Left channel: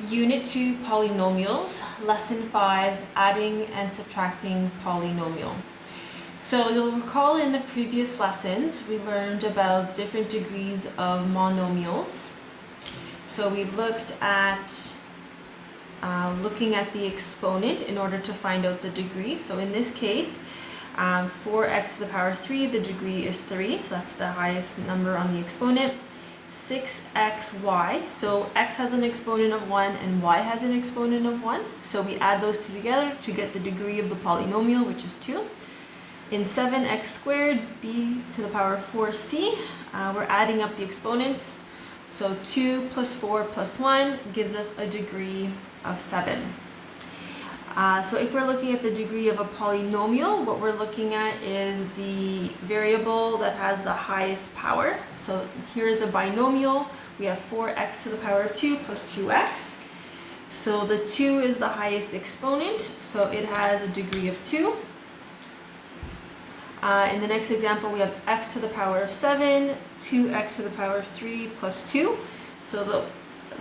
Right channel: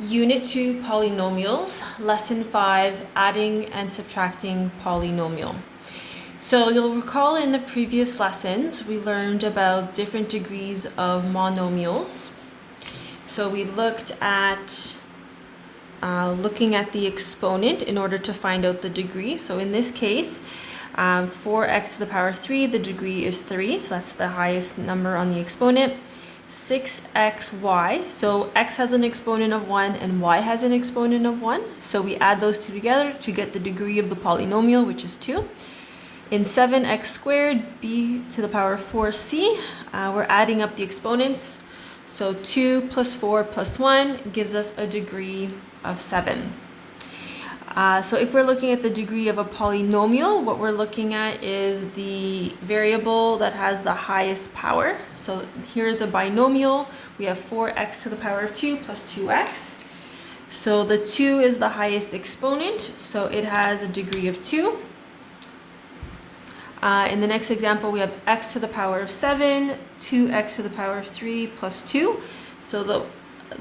Unit 2 Polynomials, Lesson 5 Adding and Subtracting Polynomial. So you'll recall in the previous lessons we learned about different degrees of monomials. So we looked at looking at the exponent in order to find out the degree. So in this case, 4x to the power 3, the degree is 3, so that's the highest number on the exponent. 6xy, so x has an exponent of 1 and y has an exponent of 1, so we add those two together to get the degree of the polynomial, which is 2. In 7x squared, b to the power 4c, we're adding up the exponents, so 2 plus 4 plus 1 gives us a degree of 7. So if we're looking at the degree of a polynomial, what we're looking at is the variable that has the highest power. So here is a binomial. We have 4x to the power of 2 plus 2x. So the 2 is the highest exponent, so it has a degree of 2. In the next example, we have x to the power of 7, 2x to the power of 3 plus 2. So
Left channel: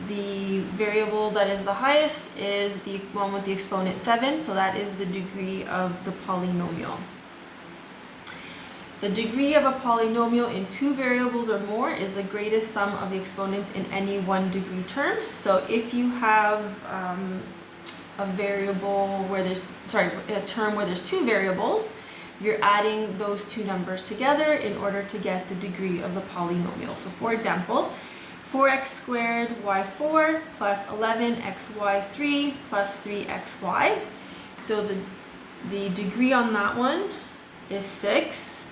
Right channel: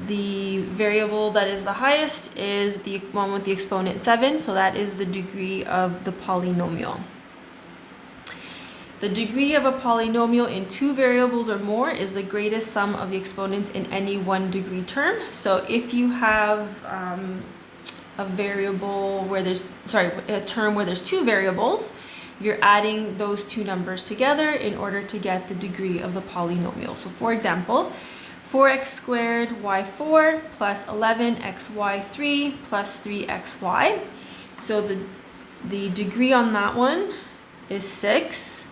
the variable that is the highest is the one with the exponent 7, so that is the degree of the polynomial. The degree of a polynomial in two variables or more is the greatest sum of the exponents in any one degree term. So if you have a variable where there's, a term where there's two variables, you're adding those two numbers together in order to get the degree of the polynomial. So for example, 4x squared y4 plus 11xy3 plus 3xy. So the degree on that one is 6.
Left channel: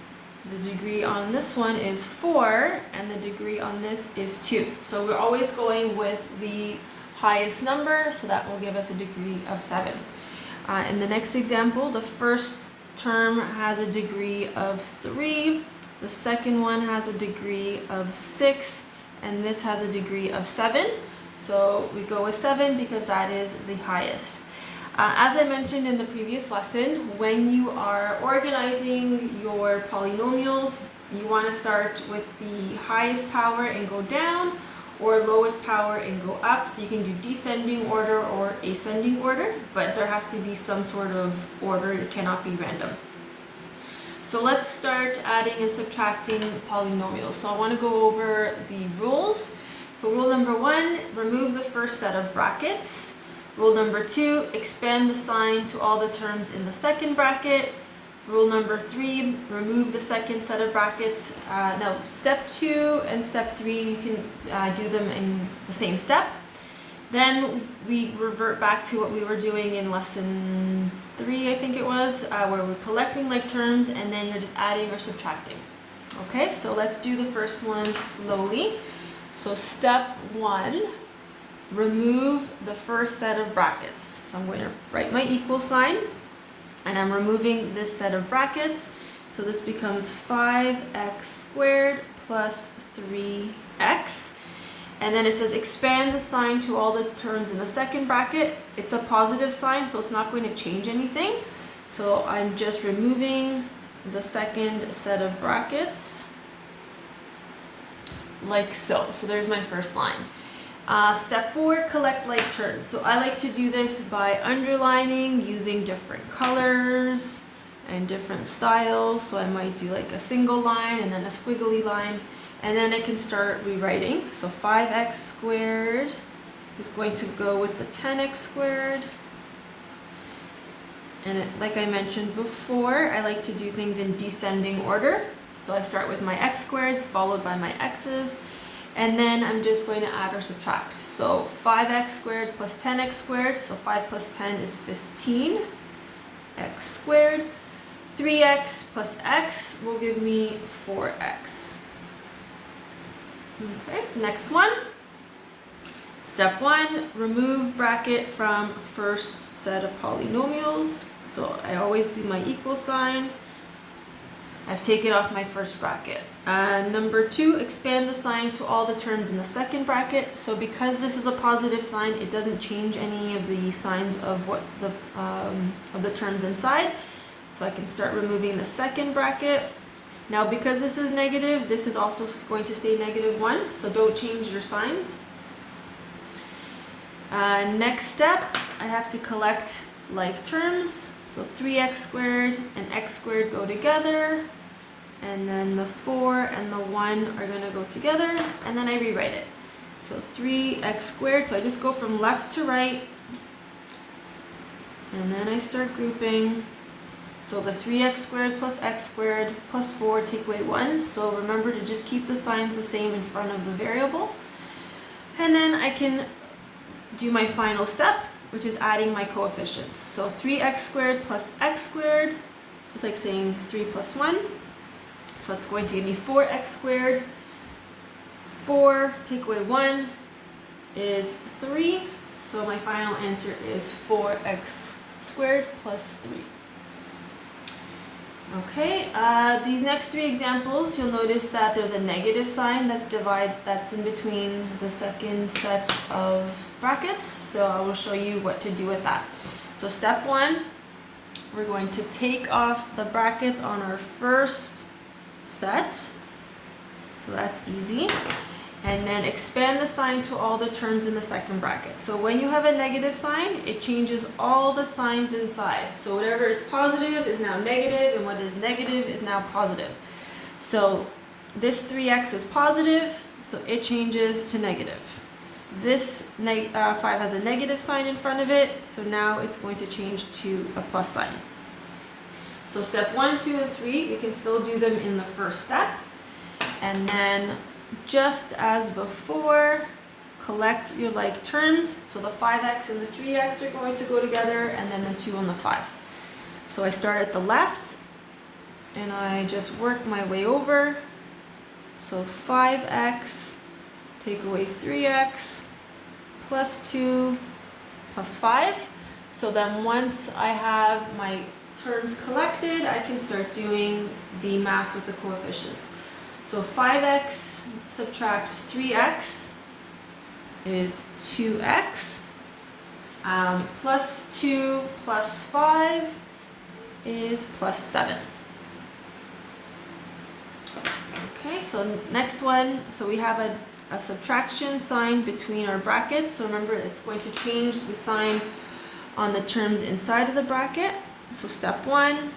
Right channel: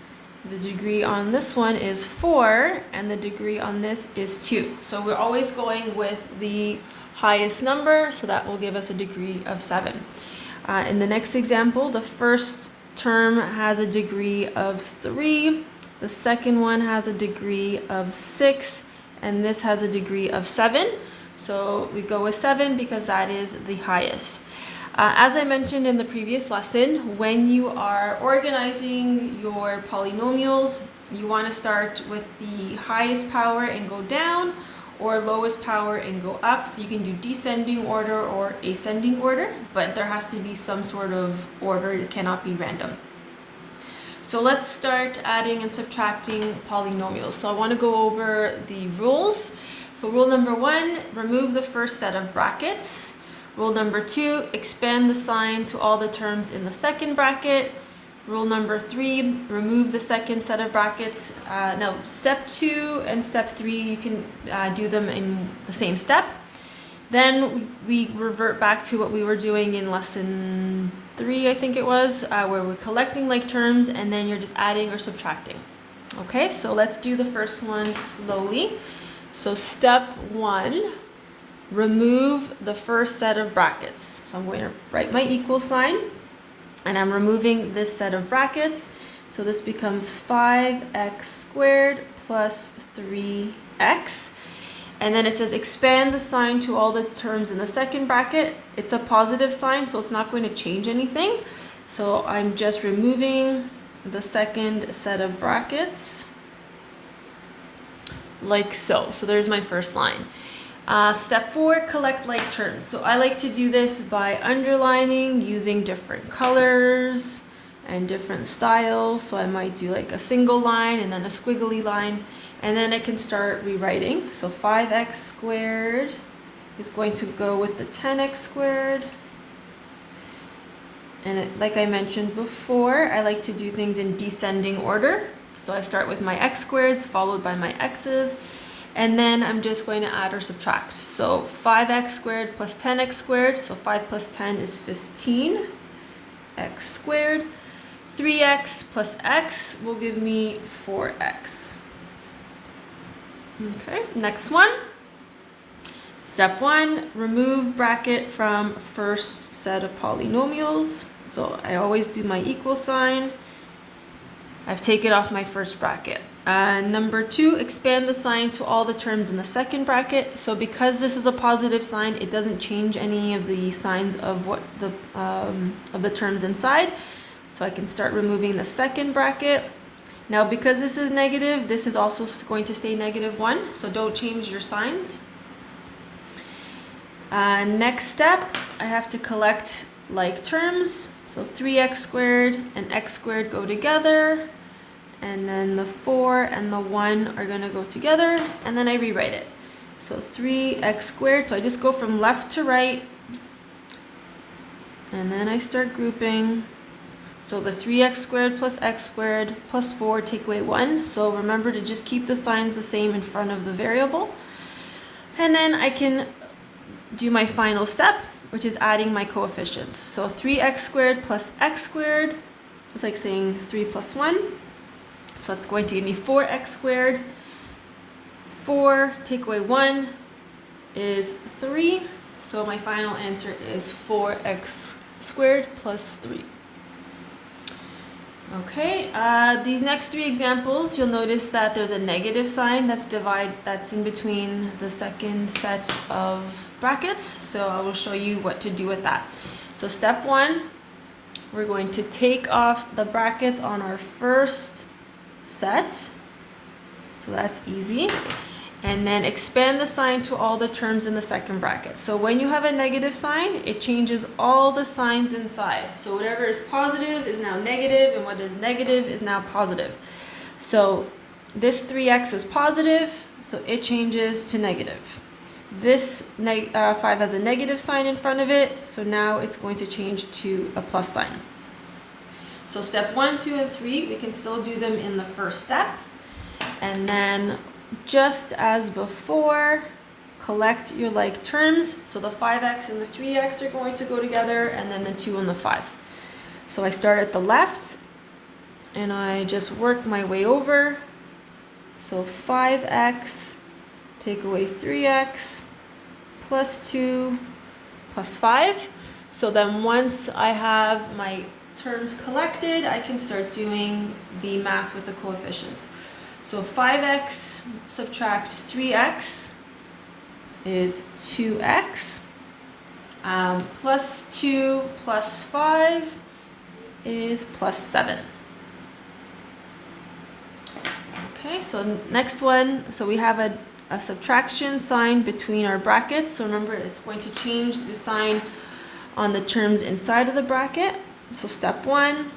The degree on this one is 4, and the degree on this is 2. So we're always going with the highest number, so that will give us a degree of 7. In the next example, the first term has a degree of 3, the second one has a degree of 6, and this has a degree of 7. So we go with 7 because that is the highest. As I mentioned in the previous lesson, when you are organizing your polynomials, you want to start with the highest power and go down, or lowest power and go up. So you can do descending order or ascending order, but there has to be some sort of order. It cannot be random. So let's start adding and subtracting polynomials. So I want to go over the rules. So rule number 1, remove the first set of brackets. Rule number 2, expand the sign to all the terms in the second bracket. Rule number 3, remove the second set of brackets. Now step 2 and step 3, you can do them in the same step. Then we revert back to what we were doing in lesson 3, I think it was, where we're collecting like terms and then you're just adding or subtracting. Okay, so let's do the first one slowly. So step 1, remove the first set of brackets. So I'm going to write my equal sign and I'm removing this set of brackets. So this becomes 5x squared plus 3x. And then it says expand the sign to all the terms in the second bracket. It's a positive sign, so it's not going to change anything. So I'm just removing the second set of brackets, like so. So there's my first line. Step 4, collect like terms. So I like to do this by underlining, using different colors and different styles. So I might do like a single line and then a squiggly line. And then I can start rewriting. So 5x squared is going to go with the 10x squared. And like I mentioned before, I like to do things in descending order. So I start with my x squareds followed by my x's. And then I'm just going to add or subtract. So 5x squared plus 10x squared. So 5 plus 10 is 15x squared. 3x plus x will give me 4x. Okay, next one. Step 1, remove bracket from first set of polynomials. So I always do my equal sign. I've taken off my first bracket. Number 2, expand the sign to all the terms in the second bracket. So because this is a positive sign, it doesn't change any of the signs of what the terms inside. So I can start removing the second bracket. Now because this is negative, this is also going to stay -1, so don't change your signs. Next step, I have to collect like terms. So 3x squared and x squared go together, and then the 4 and the 1 are going to go together, and then I rewrite it. So 3x squared, so I just go from left to right, and then I start grouping. So the 3x squared plus x squared plus 4 take away 1. So remember to just keep the signs the same in front of the variable. And then I can do my final step, which is adding my coefficients. So 3x squared plus x squared is like saying 3 plus 1. So that's going to give me 4x squared. 4 take away 1 is 3. So my final answer is 4x squared plus 3. Okay, these next 3 examples, you'll notice that there's a negative sign that's in between the second set of brackets. So I will show you what to do with that. So step 1, we're going to take off the brackets on our first set. So that's easy. And then expand the sign to all the terms in the second bracket. So when you have a negative sign, it changes all the signs inside. So whatever is positive is now negative, and what is negative is now positive. So this 3x is positive, so it changes to negative. This 5 has a negative sign in front of it, so now it's going to change to a plus sign. So step 1, 2, and 3, we can still do them in the first step. And then just as before, collect your like terms. So the 5x and the 3x are going to go together, and then the 2 and the 5. So I start at the left, and I just work my way over. So 5x, take away 3x, plus 2, plus 5. So then once I have my terms collected, I can start doing the math with the coefficients. So 5x subtract 3x is 2x. Plus 2 plus 5 is plus 7. Okay, so next one. So we have a subtraction sign between our brackets. So remember, it's going to change the sign on the terms inside of the bracket. So step 1.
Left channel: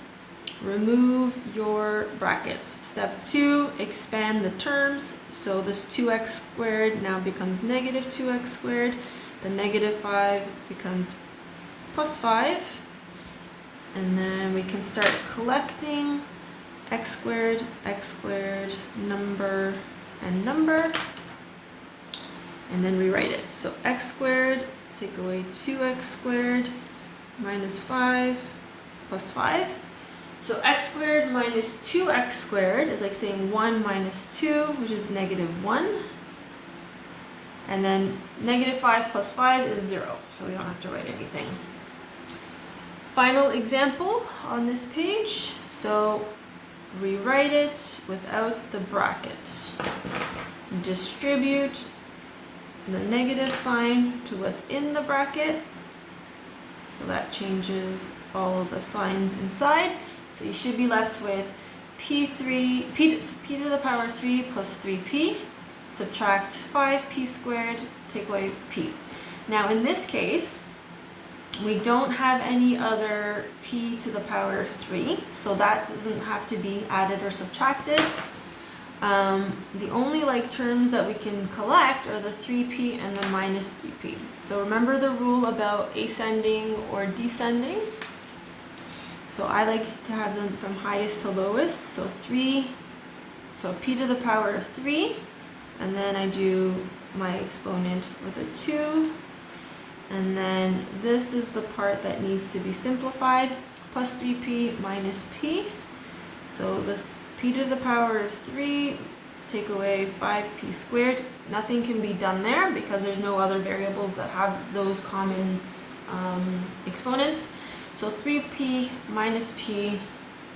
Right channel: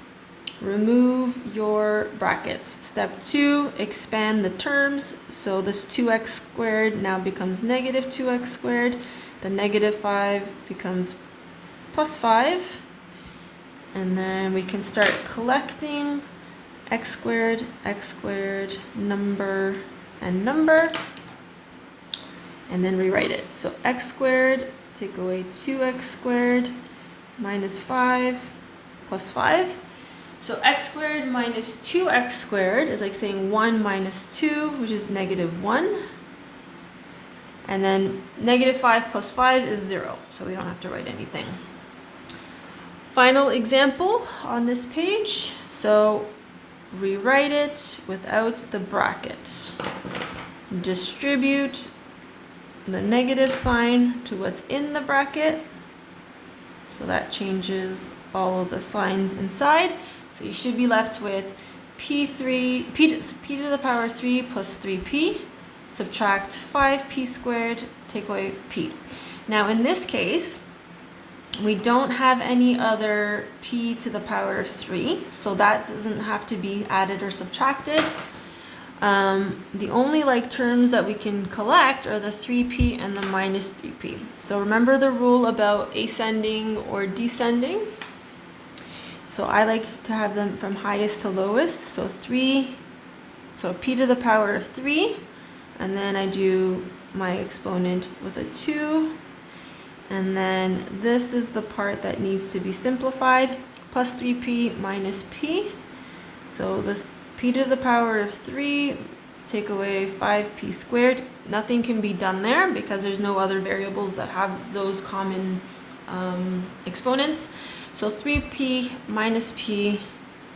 Remove your brackets. Step 2, expand the terms. So this 2x squared now becomes negative 2x squared. The negative 5 becomes plus 5. And then we can start collecting x squared, number, and number. And then rewrite it. So x squared, take away 2x squared, minus 5, plus 5. So x squared minus 2x squared is like saying 1 minus 2, which is negative 1. And then negative 5 plus 5 is 0, so we don't have to write anything. Final example on this page. So rewrite it without the bracket. Distribute the negative sign to what's in the bracket. So that changes all of the signs inside. So you should be left with p to the power 3 plus 3p, subtract 5p squared, take away p. Now in this case, we don't have any other p to the power of 3, so that doesn't have to be added or subtracted. The only like terms that we can collect are the 3p and the minus 3p. So remember the rule about ascending or descending. So I like to have them from highest to lowest. So p to the power of 3, and then I do my exponent with a 2, and then this is the part that needs to be simplified, plus 3p minus p. So with p to the power of 3, take away 5p squared. Nothing can be done there because there's no other variables that have those common exponents. So 3p minus p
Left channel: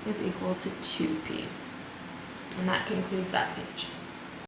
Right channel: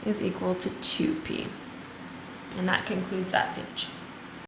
is equal to 2p. And that concludes that page.